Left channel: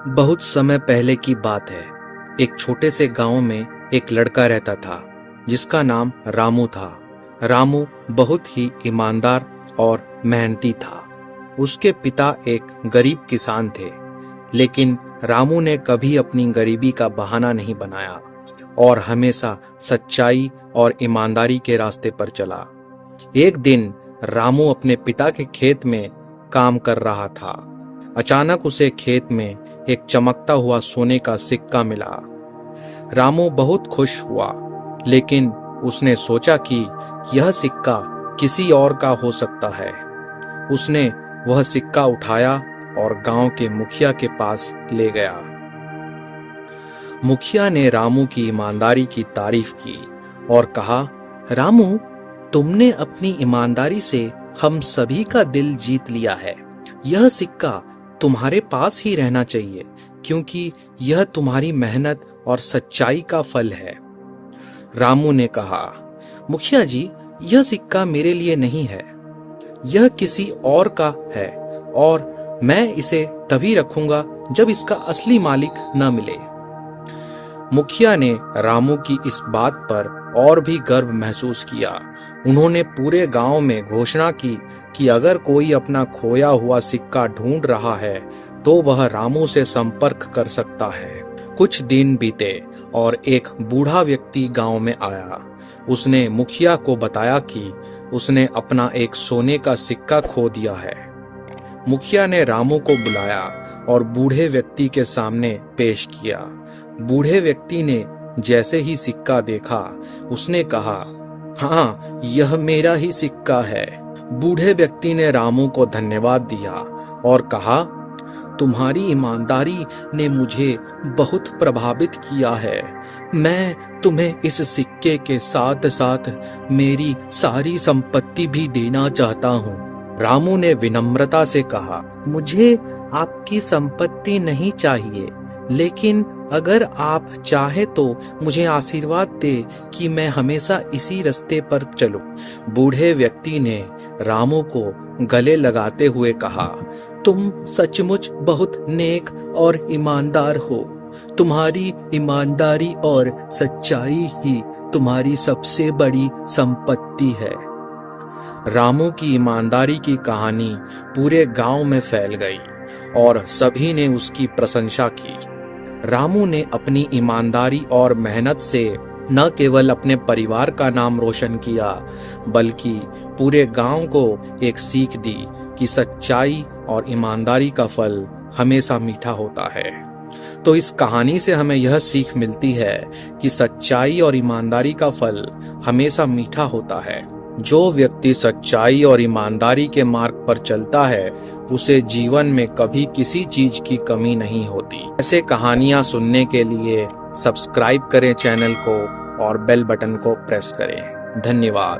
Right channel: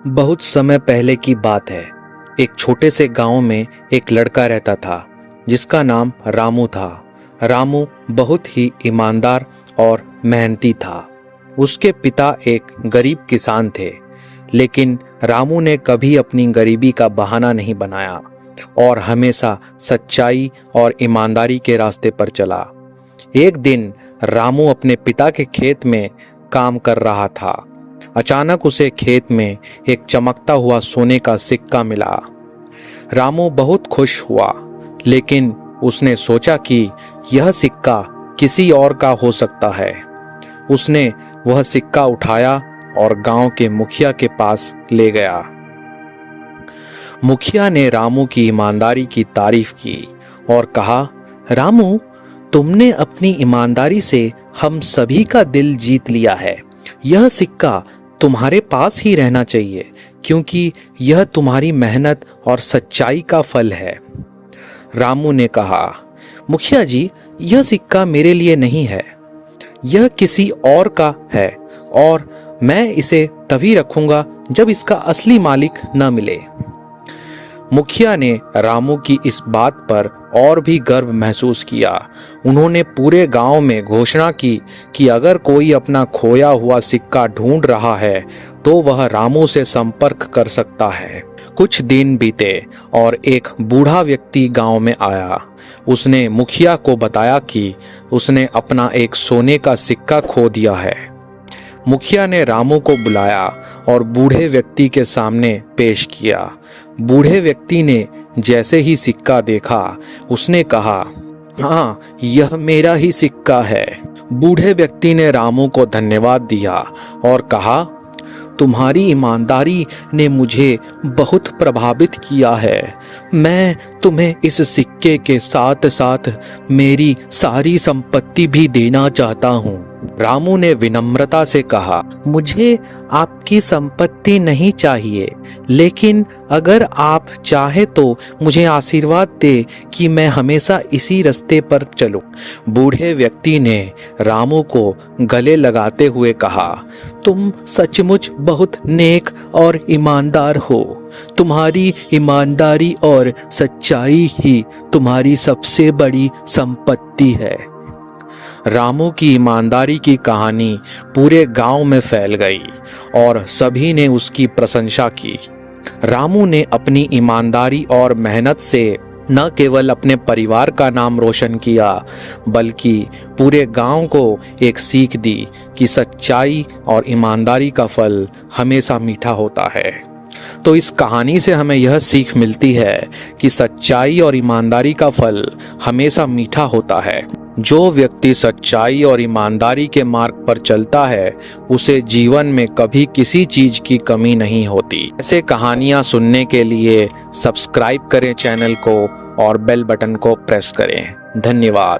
बहुत समय पहले की बात है। एक छोटे से गांव में एक लड़का रहता था जिसका नाम रामू था। रामू बहुत ही ईमानदार और मेहनती था। उसके पिता एक गरीब किसान थे, लेकिन रामू ने कभी अपनी गरीबी का बहाना नहीं बनाया और हमेशा सच्चाई और ईमानदारी के रास्ते पर चला। एक दिन रामू अपने पिता के खेत में काम कर रहा था। अचानक उसे खेत में एक चमकता हुआ सोने का सिक्का मिला। रामू बहुत खुश हुआ, लेकिन उसने सोचा कि यह सिक्का किसी और का हो सकता है। उसने वह सिक्का उठाया और गांव के मुखिया के पास ले गया। मुखिया ने रामू की ईमानदारी की तारीफ की और कहा, रामू, तुमने अपनी ईमानदारी से हम सभी का दिल जीत लिया है। यह सिक्का तुम्हारे पास ही रहना चाहिए, क्योंकि यह तुम्हारी मेहनत और सच्चाई का फल है। रामू ने कहा, मुखिया जी, यह सिक्का मेरे लिए नहीं है, यह किसी और का है और मैं इसे तभी रखूंगा जब इसका असली मालिक न मिले। मुखिया ने रामू की इस बात पर और भी गर्व महसूस किया। उन्होंने पूरे गांव में घोषणा की कि अगर कोई अपना खोया हुआ सिक्का ढूंढ रहा है तो वह रामू से संपर्क कर सकता है। कुछ दिन बीते और एक बूढ़ा व्यक्ति गांव में आया। उसने मुखिया को बताया कि उसने अपना एक सोने का सिक्का खो दिया है। मुखिया ने रामू को बुलाया और बूढ़े व्यक्ति के सामने पेश किया। बूढ़े व्यक्ति ने जैसे ही सिक्का देखा, उसने कहा, हाँ, यह मेरा ही सिक्का है। बूढ़े व्यक्ति ने रामू को धन्यवाद दिया और कहा, तुम्हारी ईमानदारी ने मुझे बहुत प्रभावित किया है। मैं तुम्हें इस सिक्के के साथ साथ मेरी सारी संपत्ति भी देना चाहता हूँ। रामू ने विनम्रता से कहा, मुझे आपकी संपत्ति नहीं चाहिए, लेकिन अगर आप चाहे तो मुझे आशीर्वाद दे कि मैं हमेशा इसी रास्ते पर चलूं। बूढ़े व्यक्ति ने रामू को गले लगाते हुए कहा, तुम सचमुच बहुत नेक और ईमानदार हो। तुम्हारी ईमानदारी और सच्चाई ही तुम्हारी सबसे बड़ी संपत्ति है। रामू की ईमानदारी की कहानी पूरे गांव में फैल गई और सभी ने उसकी प्रशंसा की। रामू ने अपनी ईमानदारी और मेहनत से न केवल अपने परिवार का नाम रोशन किया, बल्कि पूरे गांव को एक सीख दी कि सच्चाई और ईमानदारी का फल हमेशा मीठा होता है। तो इस कहानी से हमें यह सीख मिलती है कि सच्चाई और ईमानदारी का फल हमेशा मीठा होता है। जो व्यक्ति सच्चाई और ईमानदारी के मार्ग पर चलता है, उसे जीवन में कभी किसी चीज की कमी नहीं होती। ऐसे कहानियां सुनने के लिए सब्सक्राइब करें चैनल को और बेल बटन को प्रेस करें। धन्यवाद।